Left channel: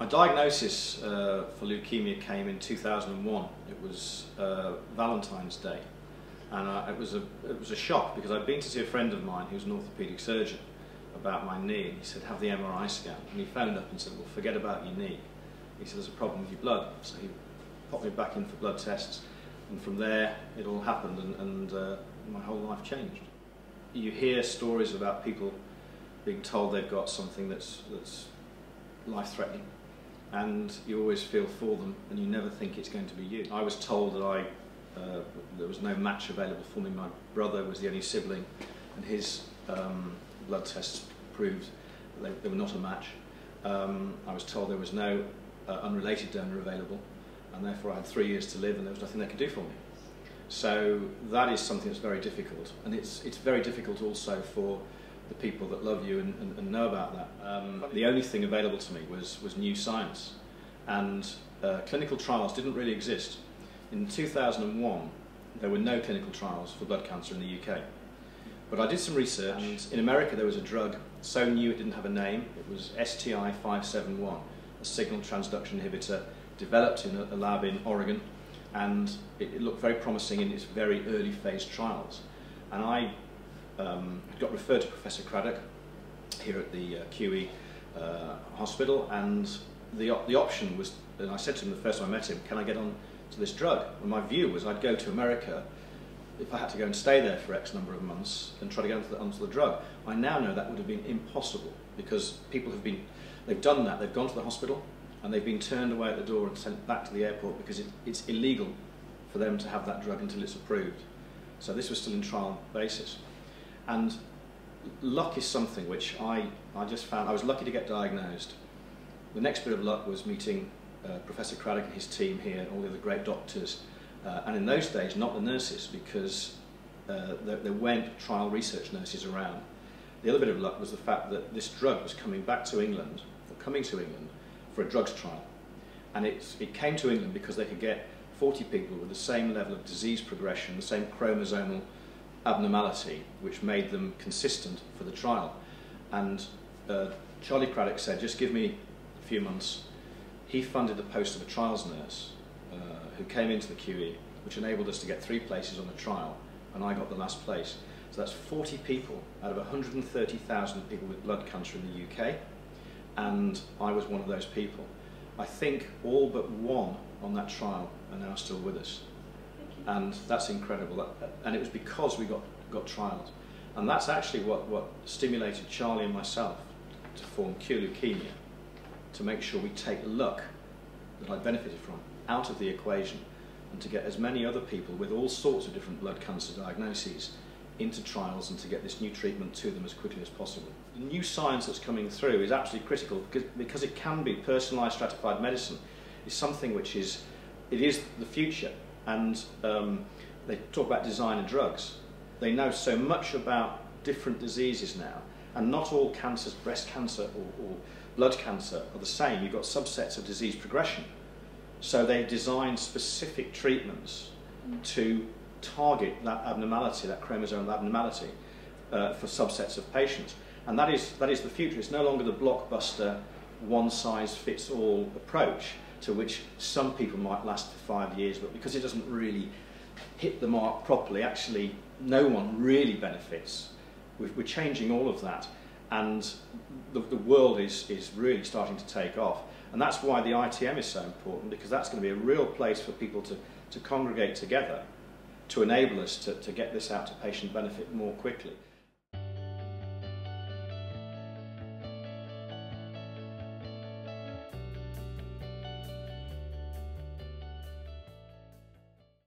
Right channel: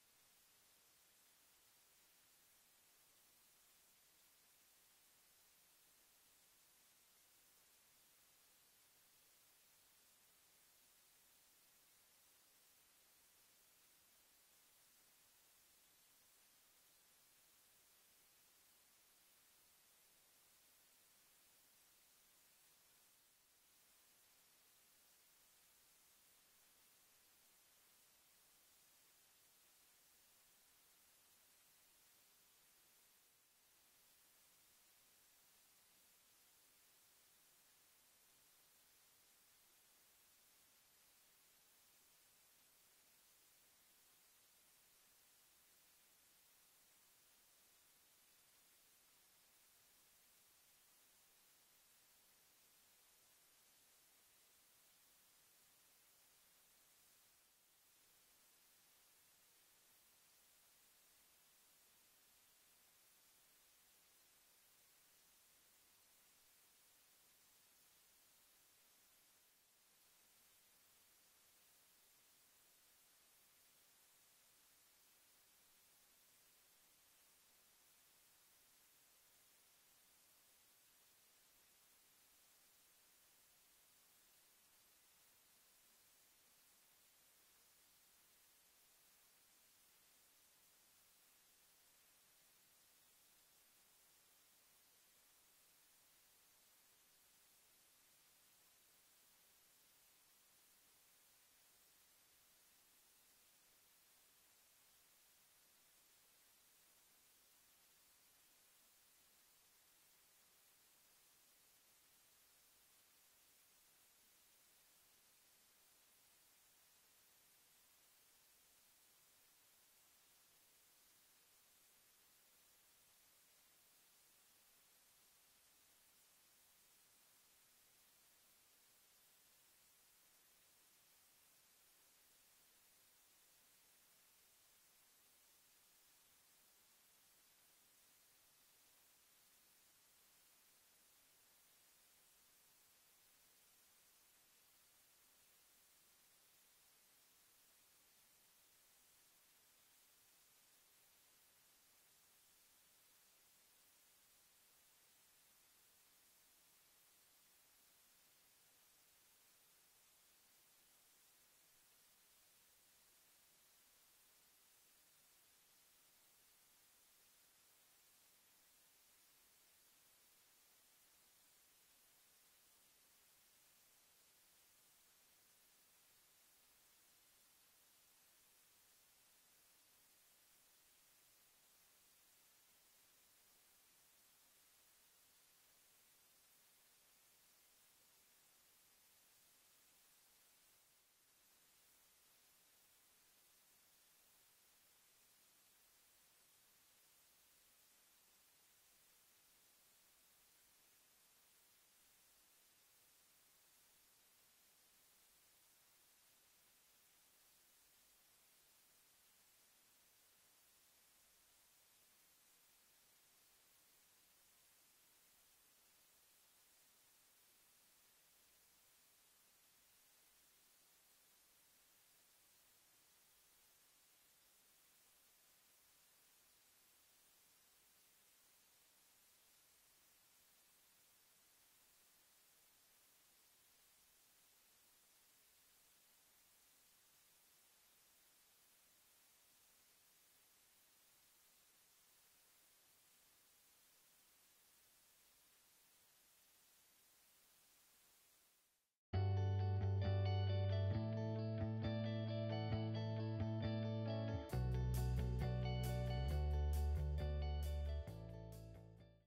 My diagnosis for leukemia came in 2001. It was Valentine's Day, and it was a shock because I'd been to see a friend of mine who's an orthopaedic surgeon about my knee, and he said, have the MRI scan. And he phoned up and said, well, forget about your knee. He said, there's a problem with your blood. So he popped me back in for blood tests, and from there it all happened, and my whole life changed. You hear stories about people being told they've got something that's life-threatening, and you always feel for them, and you never think it's going to be you. I was told that there was no match available for me. My brother was the only sibling, and his blood tests proved that they were not a match. I was told there was no unrelated donor available, and therefore I had 3 years to live, and there was nothing they could do for me. So that is something that's very difficult, and it's very difficult also for the people that love you and know about that. The only thing available to me was new science, and clinical trials didn't really exist. In 2001 there were no clinical trials for blood cancer in the UK, but I did some research, and in America there was a drug so new it didn't have a name. It was STI 571, a signal transduction inhibitor developed in a lab in Oregon, and it looked very promising in its very early phase trials. And I got referred to Professor Craddock here at the QE hospital, and the option was, and I said to him the first time I met him, can I get on to this drug? And my view was I'd go to America if I had to go and stay there for X number of months and try to get onto the drug. I now know that would have been impossible, because people they've done that, they've gone to the hospital and they've been turned away at the door and sent back to the airport because it's illegal for them to have that drug until it's approved. So this was still in trial basis. And luck is something which I just found. I was lucky to get diagnosed. The next bit of luck was meeting Professor Craddock and his team here, and all the other great doctors. And in those days, not the nurses, because there weren't trial research nurses around. The other bit of luck was the fact that this drug was coming to England for a drugs trial. And it came to England because they could get 40 people with the same level of disease progression, the same chromosomal abnormality, which made them consistent for the trial. And Charlie Craddock said, just give me a few months. He funded the post of a trials nurse who came into the QE, which enabled us to get 3 places on the trial, and I got the last place. So that's 40 people out of 130,000 people with blood cancer in the UK, and I was one of those people. I think all but one on that trial are now still with us. And that's incredible, and it was because we got trials. And that's actually what stimulated Charlie and myself to form Cure Leukaemia, to make sure we take luck that I benefited from out of the equation, and to get as many other people with all sorts of different blood cancer diagnoses into trials, and to get this new treatment to them as quickly as possible. The new science that's coming through is absolutely critical, because it can be personalised stratified medicine. It's something which is the future. And they talk about designer drugs. They know so much about different diseases now, and not all cancers, breast cancer or blood cancer, are the same. You've got subsets of disease progression. So they design specific treatments to target that abnormality, that chromosomal abnormality, for subsets of patients. And that is the future. It's no longer the blockbuster, one-size-fits-all approach, to which some people might last for 5 years, but because it doesn't really hit the mark properly, actually no one really benefits. We're changing all of that, and the world is really starting to take off. And that's why the ITM is so important, because that's going to be a real place for people to congregate together to enable us to get this out to patient benefit more quickly.